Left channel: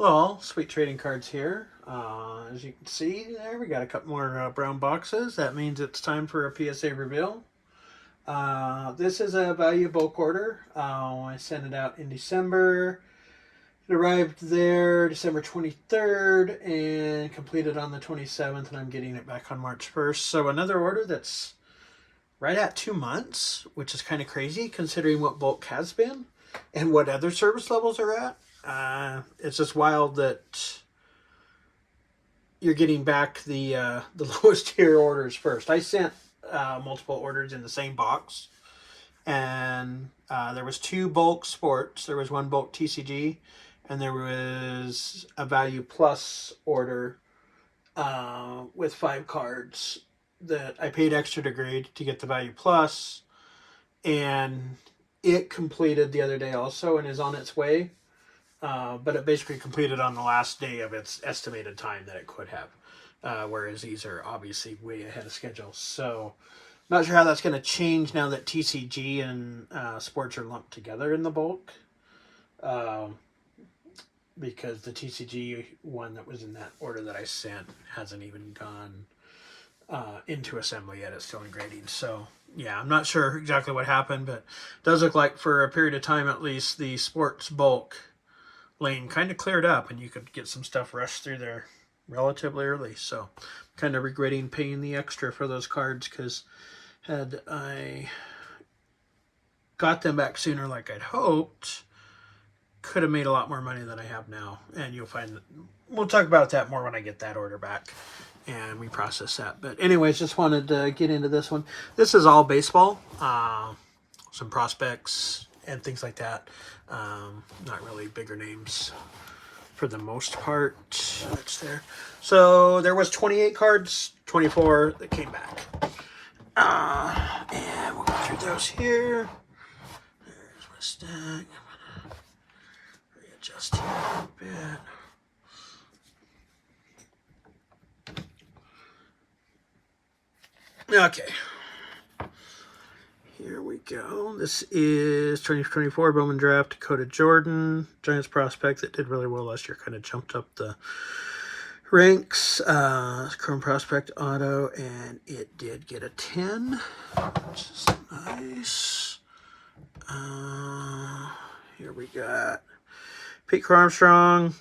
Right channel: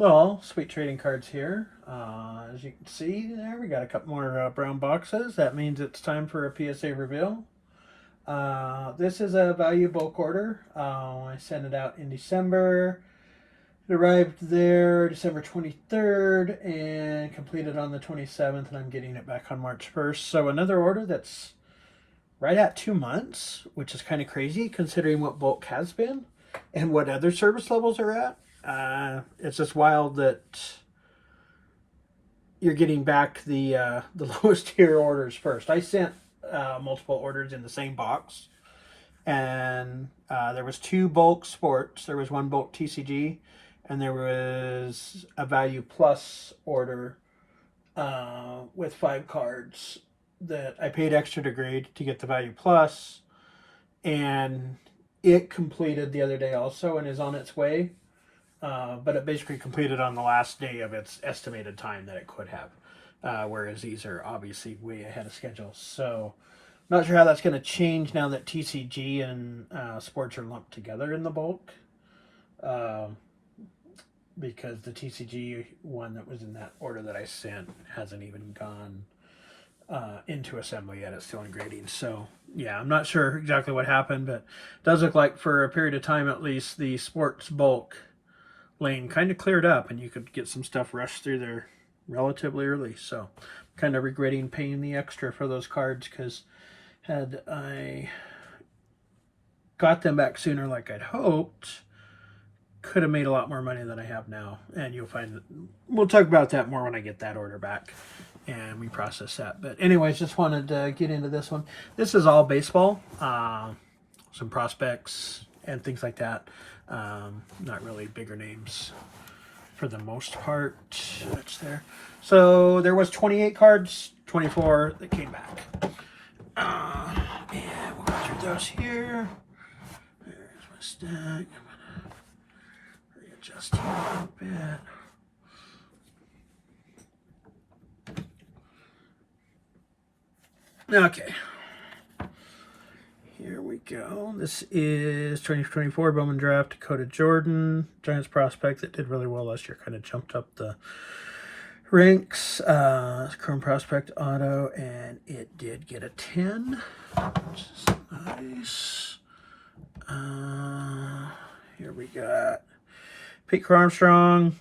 Well, sweet trading cards here. As you can see there, we got a couple more brown boxes. That means it's time for a PSA reveal. This is a value bulk order. I sent it out in December. It arrived there December 23rd and completed on the 27th, and I'm getting it back on March 1st. So another order that's right at 2 months, which is kind of crazy considering what bulk has been and what other service levels are at. It's just wild that you're getting back the lowest tier orders first. I sent multiple orders in the same box, and there was 2 bulk sports. There was 1 bulk TCG, and there was a value plus order with 5 cards that I paid extra to grade to get the value plus, and it completed the other day also and is on its way. But it basically completed on the last day of its estimated time that it could have, whereas these are obviously way ahead of schedule. So I'm not sure how that's going to change now that TCG and sports are lumped together in the bulk, because the TCG one that was in that order that I sent hasn't even gone into assembly yet. It's still in grading. So yeah, I'm not sure exactly what happened, but it does look like for a period of time at least the sports bulk lane kind of cleared up and you could get some stuff rushed through there relatively early. So kind of regretting paying the extra for those cards, because had I got them back sooner like I'd hoped, could have made a lot more money than I have now. And you'll find that we'll talk about that more when I get that order back and we process that. But anyways, just wanted to get into this one. This is all baseball, some prospects and things like that. Not really bigger names for the most part. That's there. So there was 28 cards, 24 that came back. And we'll go through those here. There's my stack. I'm gonna readjust here a little bit. Okay. Here we go. This is 2024 Bowman Draft, Dakota Jordan, Giants prospect that did really well last year. Kind of jumped up the ranks. Chrome prospect auto, and it did get a 10, which is nice. Here we got Pete Armstrong,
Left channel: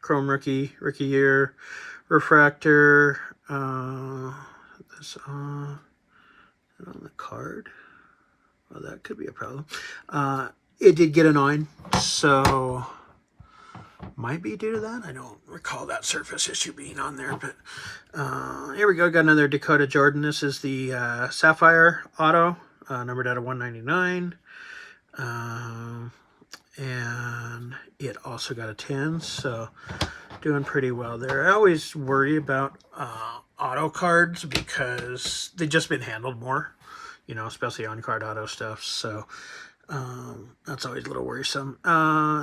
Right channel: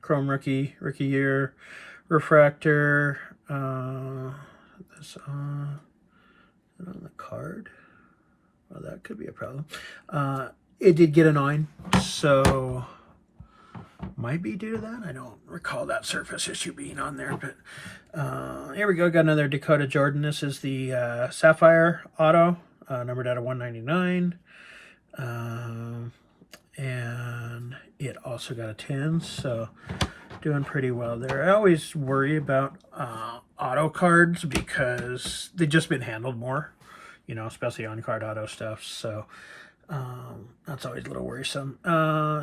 Chrome rookie year, refractor. This on the card. Well, that could be a problem. It did get a 9, so might be due to that. I don't recall that surface issue being on there, but here we go. Got another Dakota Jordan. This is the Sapphire Auto, numbered out of 199. And it also got a 10, so doing pretty well there. I always worry about auto cards because they've just been handled more, you know, especially on card auto stuff. So that's always a little worrisome.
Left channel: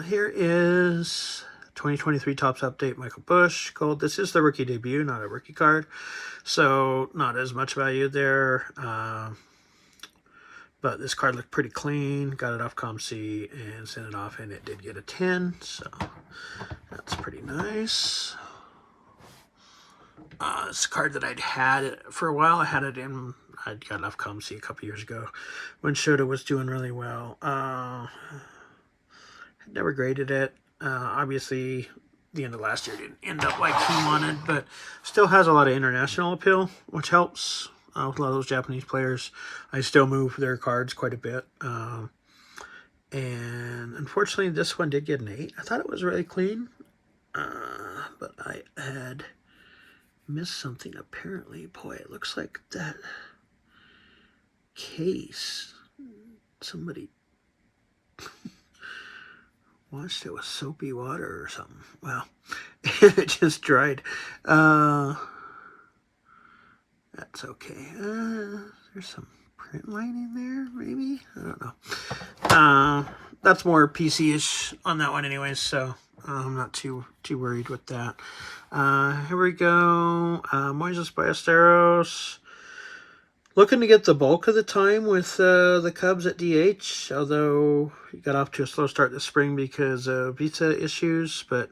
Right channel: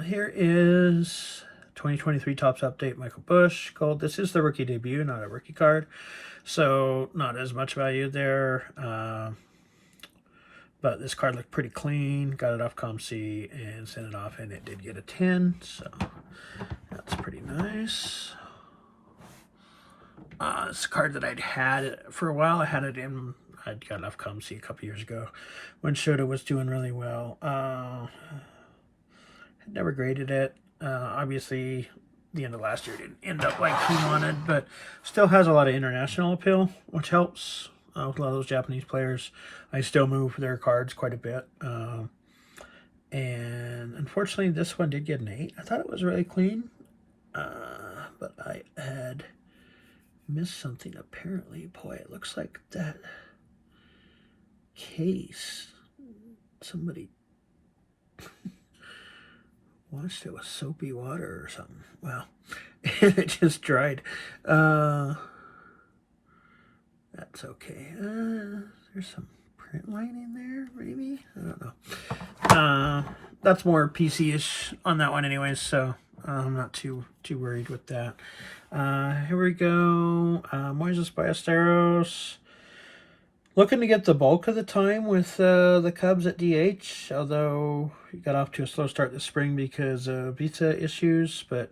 Here is 2023 Topps Update Michael Busch Gold. This is the rookie debut, not a rookie card, so not as much value there. But this card looked pretty clean. Got it off ComC and sent it off, and it did get a 10, so that's pretty nice. It's a card that I'd had for a while. I'd got it off ComC a couple years ago when Shota was doing really well. Never graded it. Obviously, the end of last year didn't end up like he wanted, but still has a lot of international appeal, which helps. With a lot of those Japanese players, I still move their cards quite a bit. And unfortunately, this one did get an 8. I thought it was really clean, but I had missed something apparently. Boy, it looks like that case, somebody washed it with soapy water or something. Well, it just dried. That's okay. There's some print lining there, maybe? I don't know. That's more PC-ish on that one anyways, so I'm not too worried with that. Here we go. Moises Ballesteros. Looking to get the bulk of the time with the Cubs at DH, although he got off to a slow start this spring because of visa issues, but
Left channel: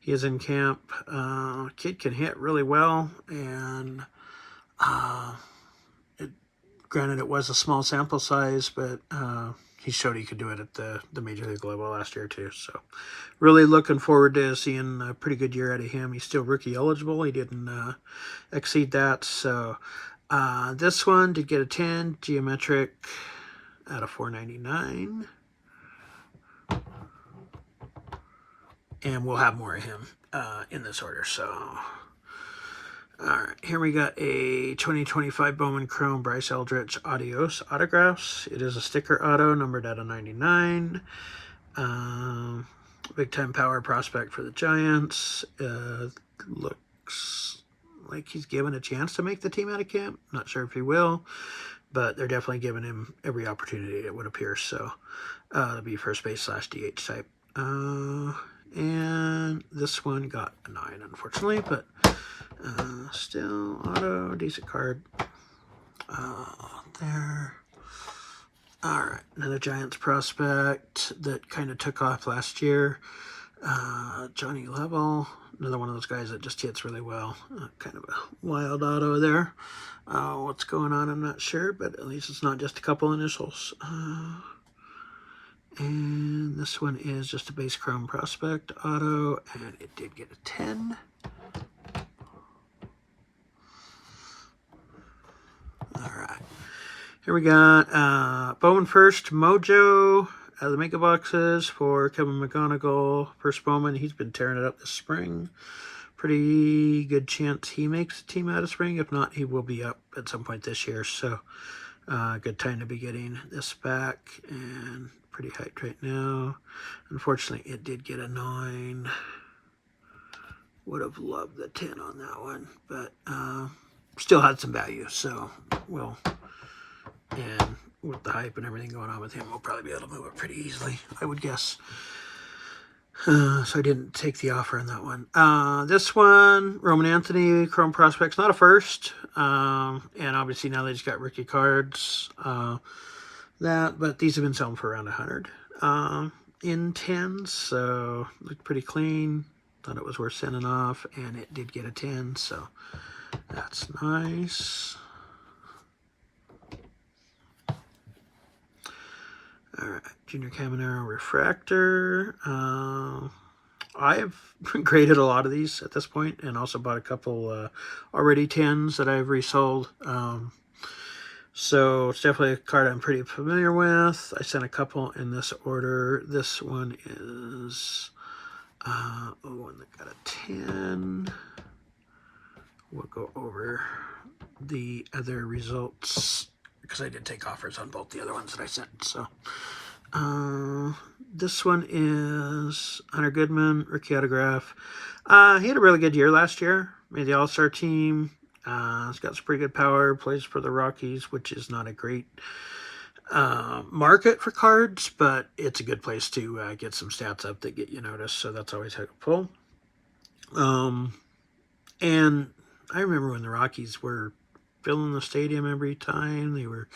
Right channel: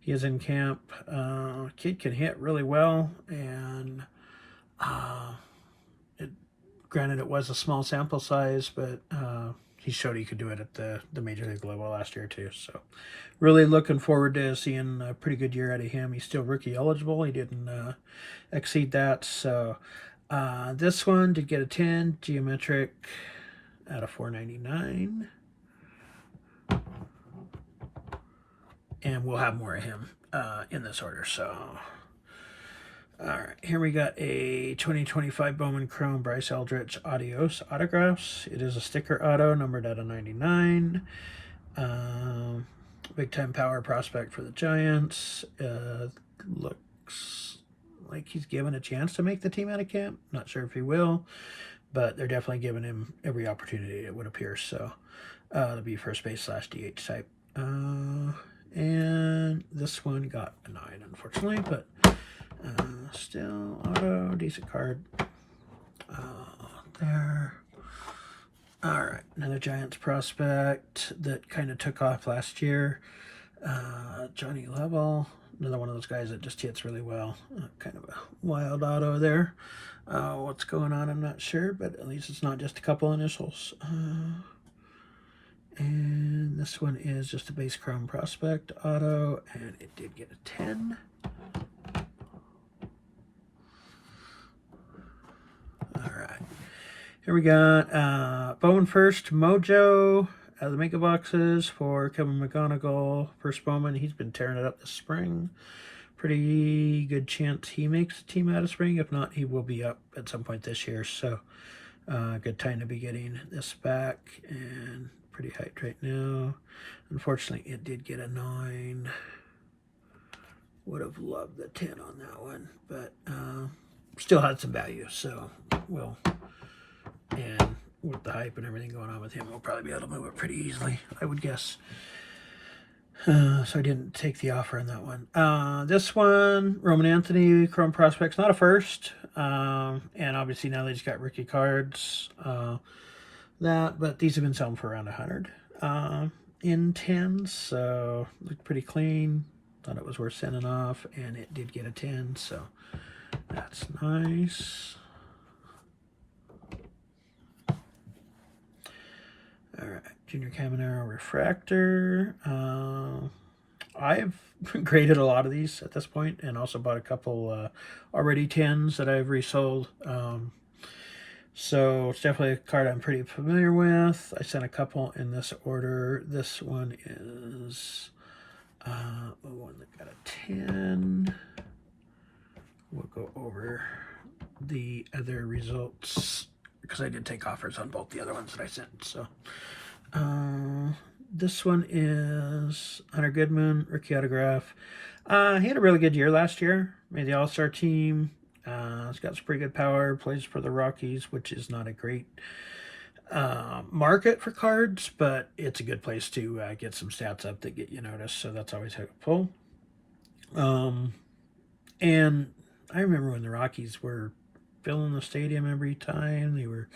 he is in camp. Kid can hit really well, and granted it was a small sample size, but he showed he could do it at the major league level last year too. So really looking forward to seeing a pretty good year out of him. He's still rookie eligible. He didn't exceed that. So this one did get a 10 geometric out of 499. And we'll have more of him in this order. So all right, here we got a 2025 Bowman Chrome Bryce Eldridge Adios autographs. It is a sticker auto numbered out of 99. Big time power prospect for the Giants. Looks like he's given a chance to make the team out of camp. Not sure if he will, but they're definitely giving him every opportunity, it would appear. So to be first base / DH type. And this one got a 9, unfortunately, but still auto, decent card. There. All right, another Giants prospect that kind of took off last year. Johnny Level, another one of those guys that just hits really well. Kind of a wild auto there. What's going on, I'm not sure, but at least it's not just a couple initials. And this one is just a base chrome prospect auto, and it did get a 10. All right. Here we got Bowman First Mojo out of the mega boxes for Kevin McGonigle. First Bowman, he's been tearing it up this spring. Pretty good chance he makes the team out of spring. If not, he will be up at some point this year. So good time to be getting this back, and pretty hyped right now. Unfortunately, it did get a 9. Would have loved the 10 on that one, but still had some value. So we'll, and with the hype and everything going on with him, we'll probably be able to move it pretty easily, I would guess. So I didn't take the offer on that one. This one, Roman Anthony, Chrome Prospects, not a first. And obviously now they just got rookie cards. But these have been selling for around 100 in 10s, so looked pretty clean. Thought it was worth sending off, and it did get a 10, so that's nice. All right, Junior Caminero Refractor. I've graded a lot of these at this point, and also bought a couple already 10s that I've resold. So it's definitely a card I'm pretty familiar with. I sent a couple in this order. This one is the one that got a 10. We'll go over the other results because I did take offers on both the other ones that I sent. So this one is Hunter Goodman, rookie autograph. He had a really good year last year. Made the All-Star team. He's got some pretty good power. Plays for the Rockies, which is not a great market for cards, but it's a good place to get some stats up that get you noticed. So that's always helpful. And I remember when the Rockies were filling the stadium every time. They were,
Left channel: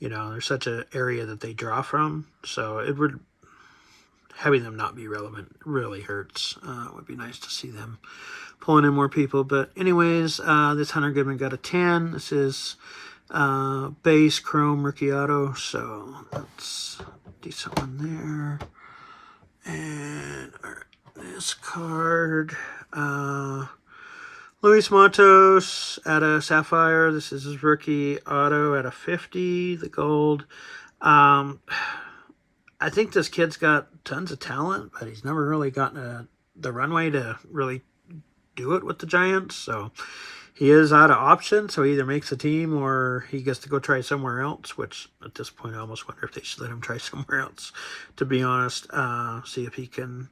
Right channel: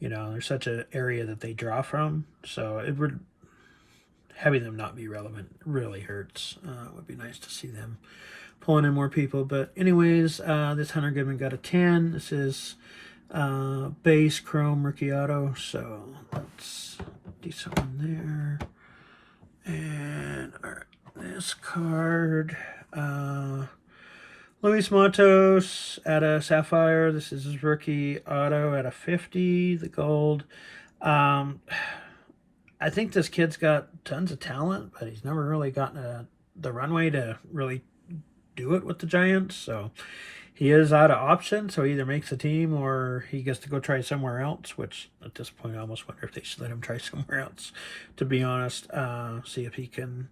there's such an area that they draw from. So it would, having them not be relevant really hurts. It would be nice to see them pulling in more people. But anyways, this Hunter Goodman got a 10. This is base chrome rookie auto, so that's a decent one there. And all right, this card, Luis Matos at a Sapphire. This is his rookie auto at a 50, the gold. I think this kid's got tons of talent, but he's never really gotten the runway to really do it with the Giants. So he is out of options, so he either makes a team or he gets to go try somewhere else, which at this point I almost wonder if they should let him try somewhere else, to be honest. See if he can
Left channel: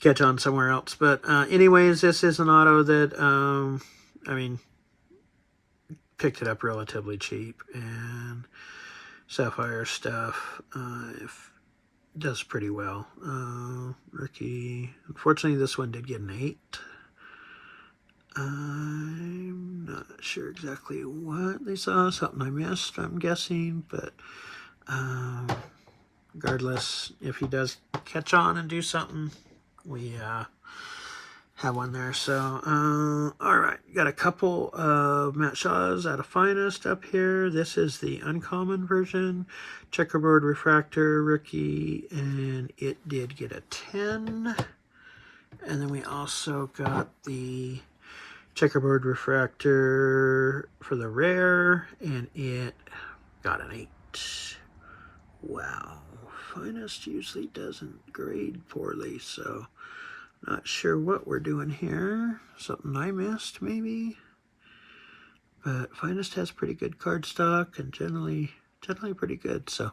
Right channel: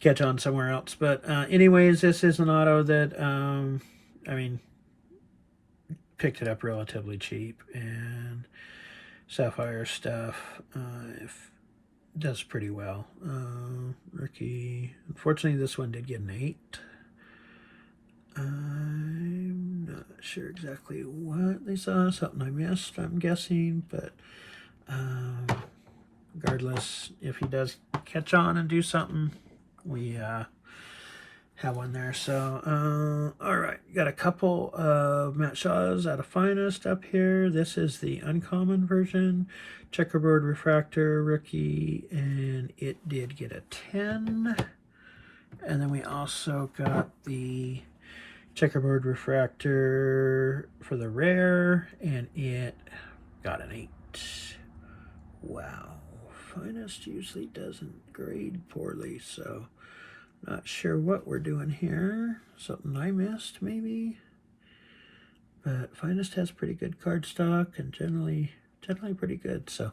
catch on somewhere else. But anyways, this is an auto that, picked it up relatively cheap, and Sapphire stuff does pretty well. Rookie, unfortunately, this one did get an 8. I'm not sure exactly what they saw. Something I missed, I'm guessing. But regardless, if he does catch on and do something, we have one there. So, all right. Got a couple of Matt Shaw's out of Finest up here. This is the uncommon version. Checkerboard Refractor Rookie, and it did get a 10. And then we also got the Checkerboard Refractor for the rare, and it got an 8. Wow. Finest usually doesn't grade poorly, so not sure what we're doing here. Something I missed, maybe. But Finest has pretty good card stock and generally pretty good, so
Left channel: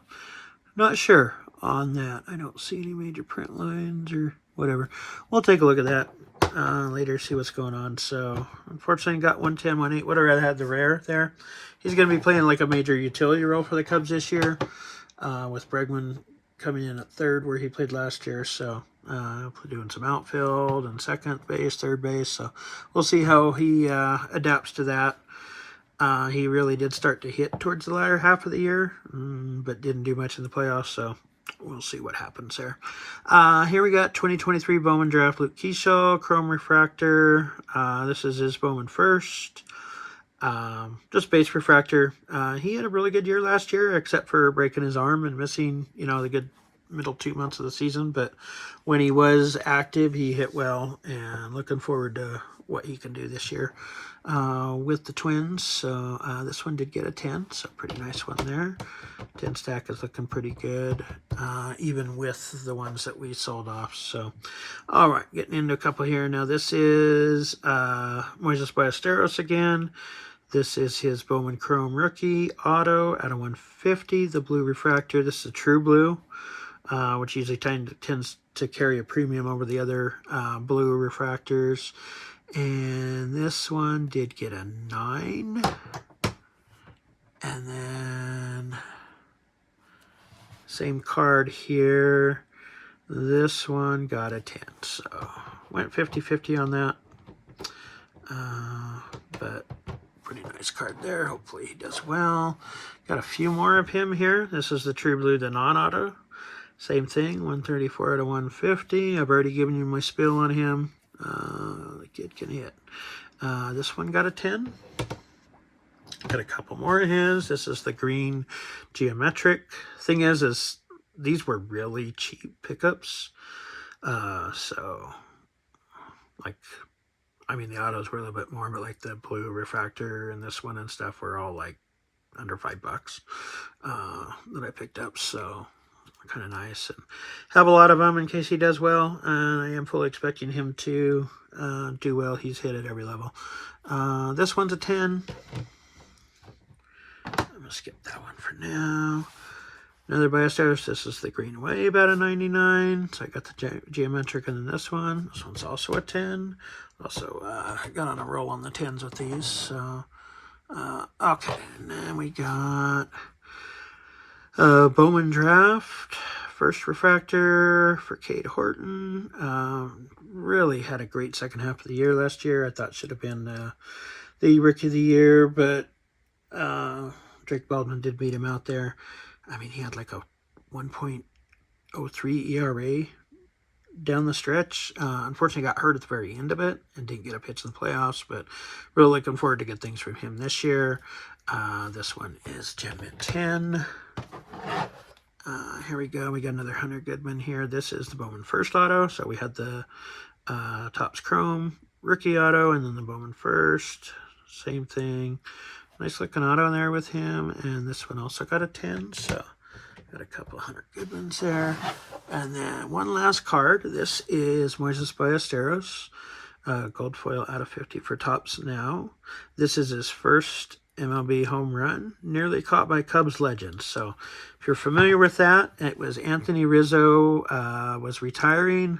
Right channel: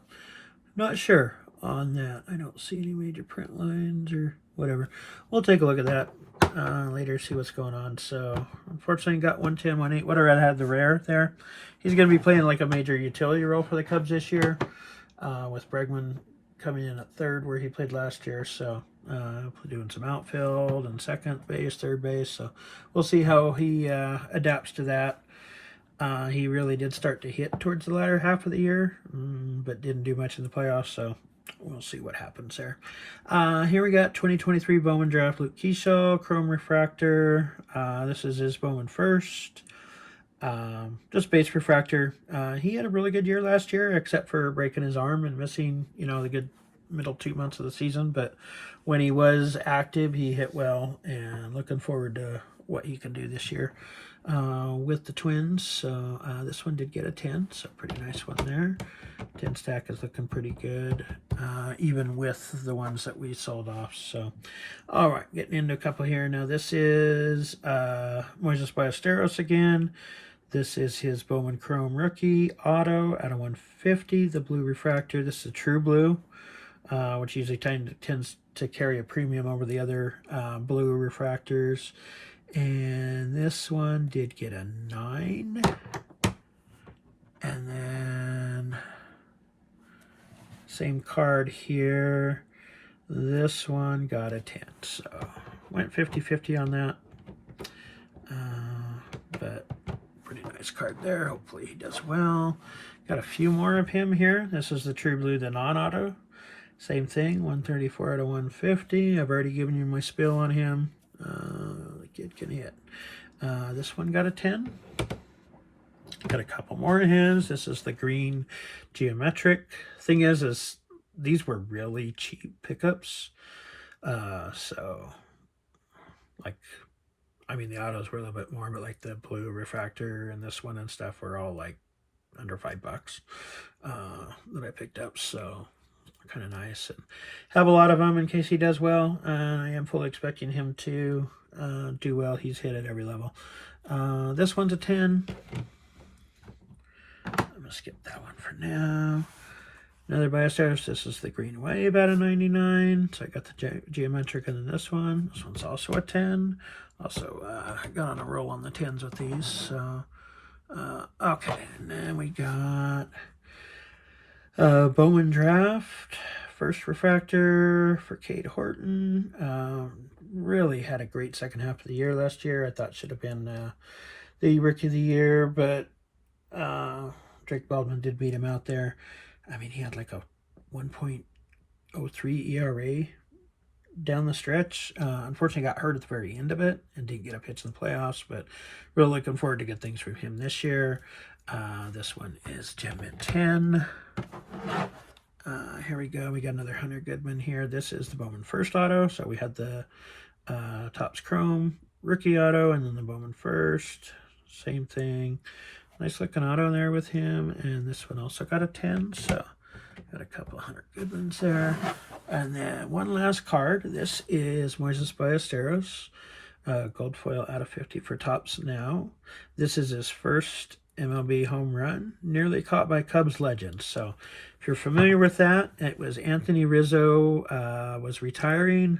not sure on that. I don't see any major print lines or whatever. We'll take a look at that later, see what's going on. So, unfortunately, got 110, 1-8. Would have rather had the rare there. He's going to be playing like a major utility role for the Cubs this year, with Bregman coming in at third where he played last year. So, doing some outfield and second base, third base. So, we'll see how he adapts to that. He really did start to hit towards the latter half of the year, but didn't do much in the playoffs, so we'll see what happens there. Here we got 2023 Bowman Draft, Luke Keyshaw, Chrome Refractor. This is his Bowman first. Just base refractor. He had a really good year last year, except for breaking his arm and missing, the good middle 2 months of the season. But when he was active, he hit well, and looking forward to what he can do this year with the Twins. So this one did get a 10, so pretty nice one there. 10 stack is looking pretty good, even with the ones that we sold off. So, all right, getting into a couple here. Now, this is Moises Ballesteros again. This is his Bowman Chrome Rookie Auto out of 150, the blue refractor. This is a true blue, which usually tends to carry a premium over the other blue refractors. And this one did get a 9. And then same card here. This one got a 10. So went 50-50 on that. But pretty nice card there. Hopefully he does well. Got a few more of him here. This is the True Blue, the non-auto. Same thing, 134 out of 150. I've already given you my spiel on him. The kid can hit. This one got a 10. Got a couple more of his. This is the green geometric. Thing is these were really cheap pickups. So, like, I mean, the autos were a little bit more, but like the blue refractor and this one and stuff were all like under $5 that I picked up. So, kind of nice, and have a lot of them in case he does well, and I am fully expecting him to do well. He's hit at every level. This one's a 10. I'm gonna skip that one for now. Another Ballesteros. This is the green wave out of 99. So I got the geometric, and then this one's also a 10. Also got on a roll on the 10s with these. So okay, and then we got Bowman Draft, first refractor for Cade Horton. Really had a great second half of the year last year. I thought should have been the Rookie of the Year, but Drake Baldwin did beat him out there. I mean, he had like a 1.03 ERA down the stretch. Unfortunately, got hurt at the very end of it and didn't get a pitch in the playoffs, but really looking forward to good things from him this year. This one is Gem Mint 10. Here we go. We got another Hunter Goodman here. This is the Bowman first auto. So we had the Topps Chrome Rookie auto and then the Bowman first. Same thing. Nice looking auto there with him. And this one also got a 10. So got a couple Hunter Goodmans there. And then one last card. This is Moises Ballesteros. Gold foil out of 50 for Topps now. This is his first MLB home run, nearly caught by Cubs legends. So if you're familiar with that, it was Anthony Rizzo was retiring,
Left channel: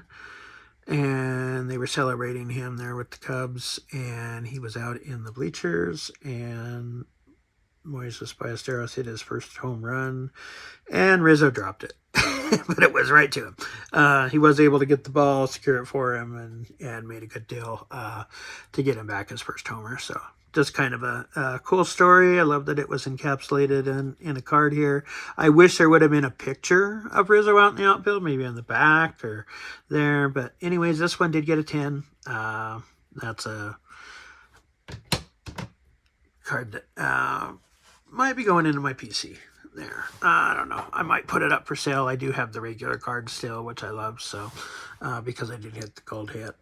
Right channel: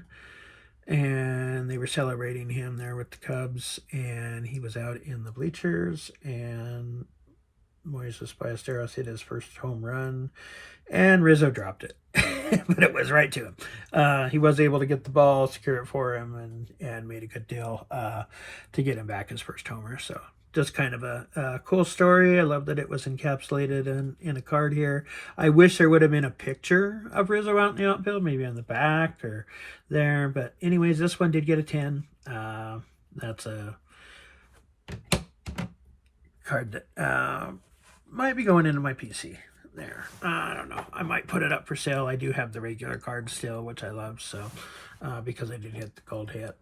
and they were celebrating him there with the Cubs, and he was out in the bleachers, and Moises Ballesteros hit his first home run, and Rizzo dropped it. But it was right to him. He was able to get the ball, secure it for him, and made a good deal to get him back his first homer. So just kind of a cool story. I love that it was encapsulated in a card here. I wish there would have been a picture of Rizzo out in the outfield, maybe on the back or there. But anyways, this one did get a 10. That's a card that might be going into my PC there. I don't know. I might put it up for sale. I do have the regular card still, which I love. So because I did get the gold hit.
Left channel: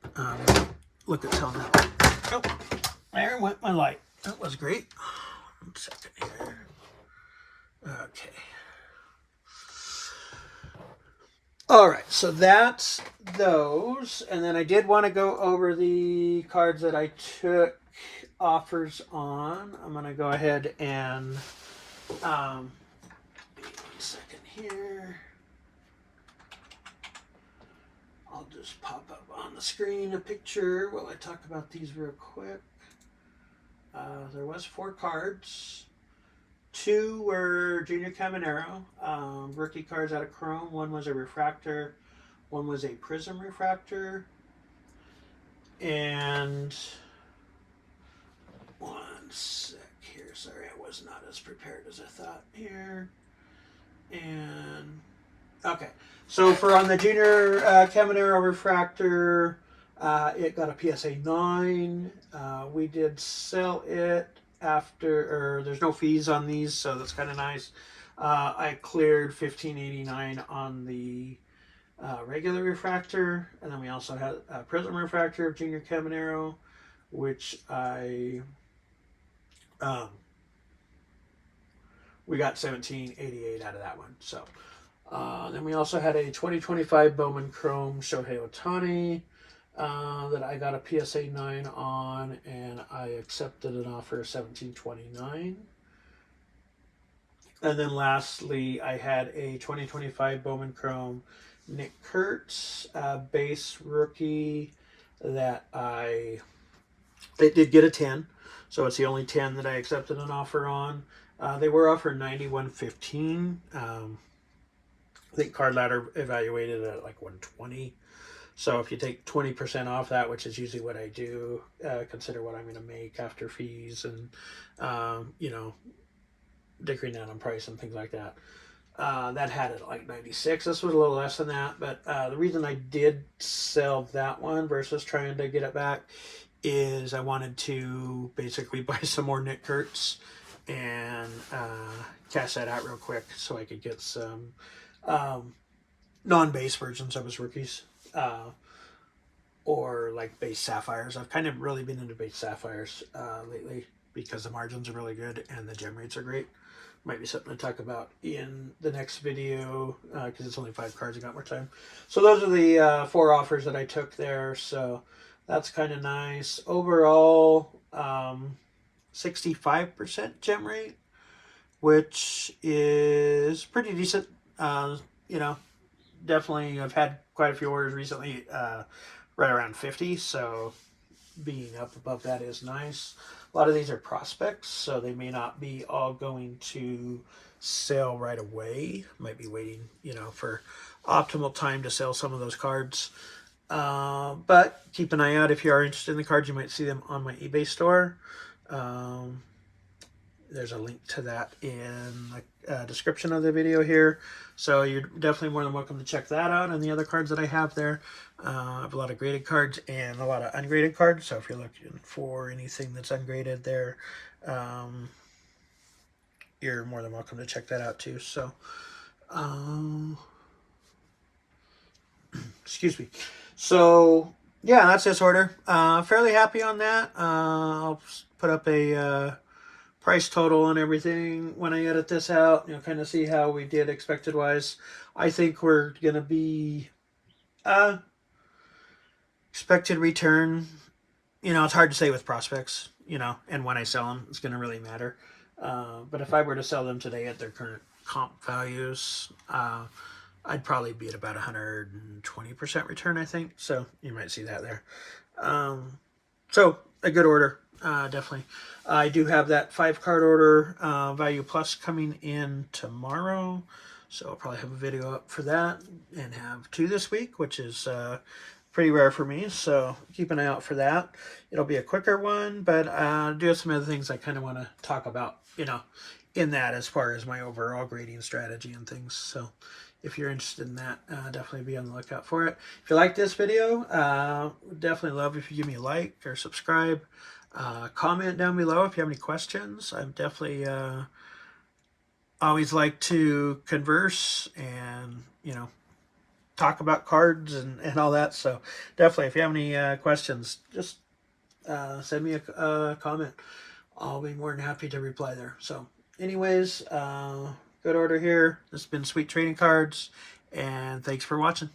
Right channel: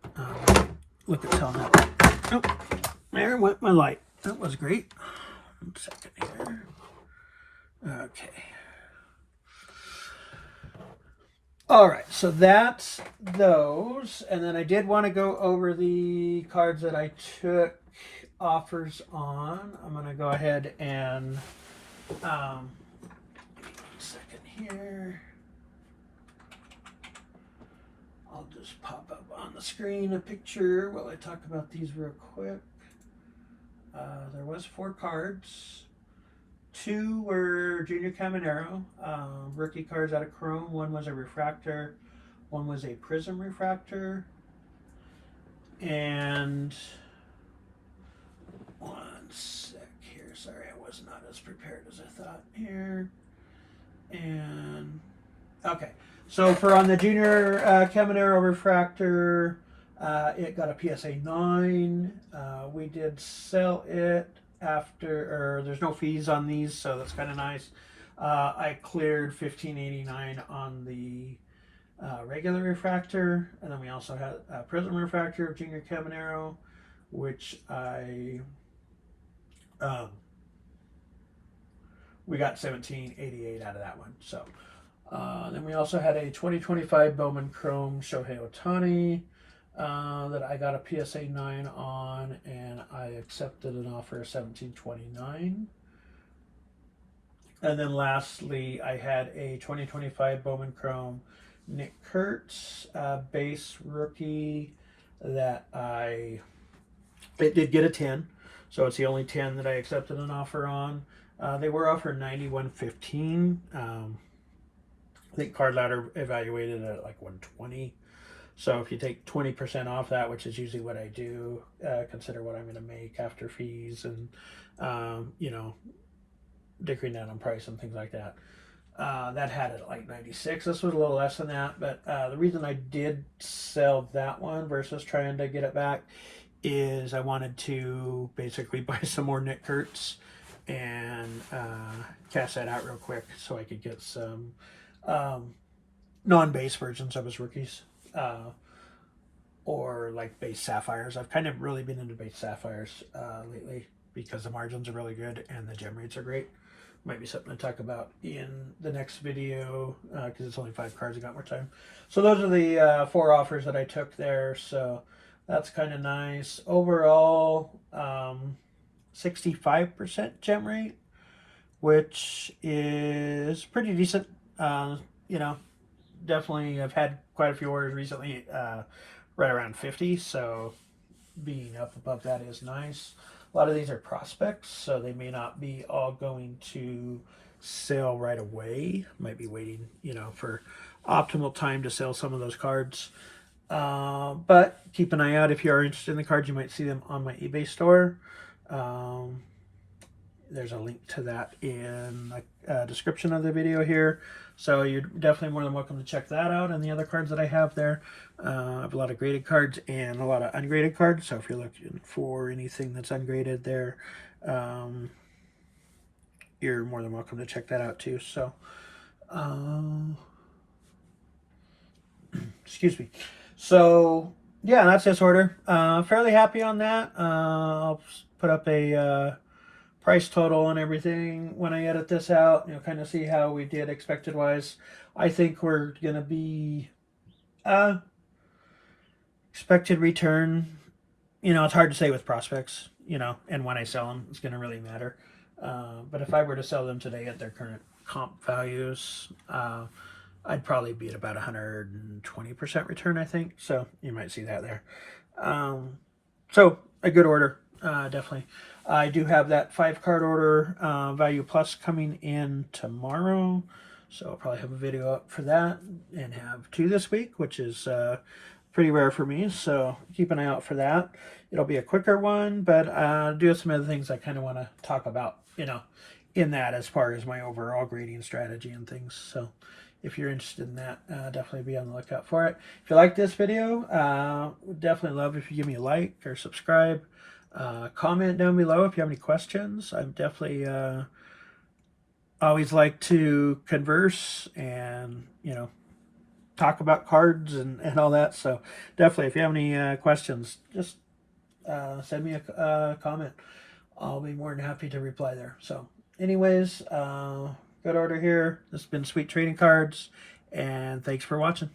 Look at selling that. Oh, there went my light. That was great. 1 second here. Okay. All right, so that's those. And then I did want to go over the cards that I took offers on. I'm going to go ahead and give me 1 second here. I'll just pop up on the screen a picture while I talk about these real quick. There was 4 cards. 2 were Junior Caminero, rookie cards out of Chrome. 1 was a refractor. 1 was a prism refractor. And 1 sec here. Sorry, I was not as prepared as I thought here. And okay, so for on the Junior Caminero refractor, it got a PSA 9. We did sell it after, or there's no fees on these, so that's kind of nice. I cleared $15.89 on the regular refractor, and then we also had a prism refractor of Junior Caminero, which we got $17.88 out of that one. So then we also had a 2025 Bowman Chrome Shohei Ohtani that I got a PSA 9 on, and I accepted an offer of $17.29. And then lastly, I had a 2025 Bowman Chrome Nick Kurtz base rookie that it did get a 10, so it's the only 10 that I accepted an offer on. They were offered $91.15. I think Card Ladder evaluated it at like $120. So if you take 20% off that, which is usually what I do, consider what I'm going to make after fees and, you know, dickering down on price and things like that. That had it at like 96. This was a little less than that, but the reason I did sell that one versus trying to get it back is I wanted to basically buy some more Nick Kurtz and cash that out real quick so I could get some non-base versions of his rookies. Or like base sapphires. I've kind of really been into base sapphires lately because the margins are really good and the gem rates are great. Might be something to talk about in the next video because it's only 5 cards. I got more time. So those are the 4 offers that I took there. So that's kind of nice. Overall, 65% gem rate, which is pretty decent. You know, definitely I've had quite a few orders recently right around 50, so being up above that is nice. A lot of these are prospects, so they may not be all going to sell right away. Might be waiting, you know, for optimal time to sell some of those cards. But keep an eye out if you are interested in the cards. You might see them on my eBay store. There's a link to that in the description of the video here. So you're definitely more than welcome to check that out and the other cards that I have there. I have a lot of graded cards and a lot of ungraded cards. So if you're looking for anything that's ungraded there, you're more than welcome to check that out too. So, excuse me. So, yeah, that's this order. Fairly happy on that. I'll put up a price total on everything when I edit this out, you know, kind of see how we did expected wise. I think we're going to be expected return. You know, it's hard to say with prospects, you know, and when I sell them, it's going to really matter. But if I were to sell them today at their current comp values, I'd probably be at about 120% return, I think. So you might see that there. So a good order. Definitely. I do have that 5-card order, Value Plus, coming in tomorrow. So I'll probably have a video up for that and have 2 this week, which is pretty rare for me. So keep an eye out for that. It'll be a quicker one, but do have some other things I kind of want to talk about, in that as far as my overall grading strategy and things. So if you're interested in that, definitely be on the lookout for it. If you like this video, would definitely love if you give me a like or subscribe. Comment down below if you have any questions. I'm definitely always like to converse and, talk about cards and all that. So definitely, if you have any questions, just send me a comment. I'll be more than happy to reply there. So anyways, good order here. This has been Sweet Trading Cards, and thanks for watching.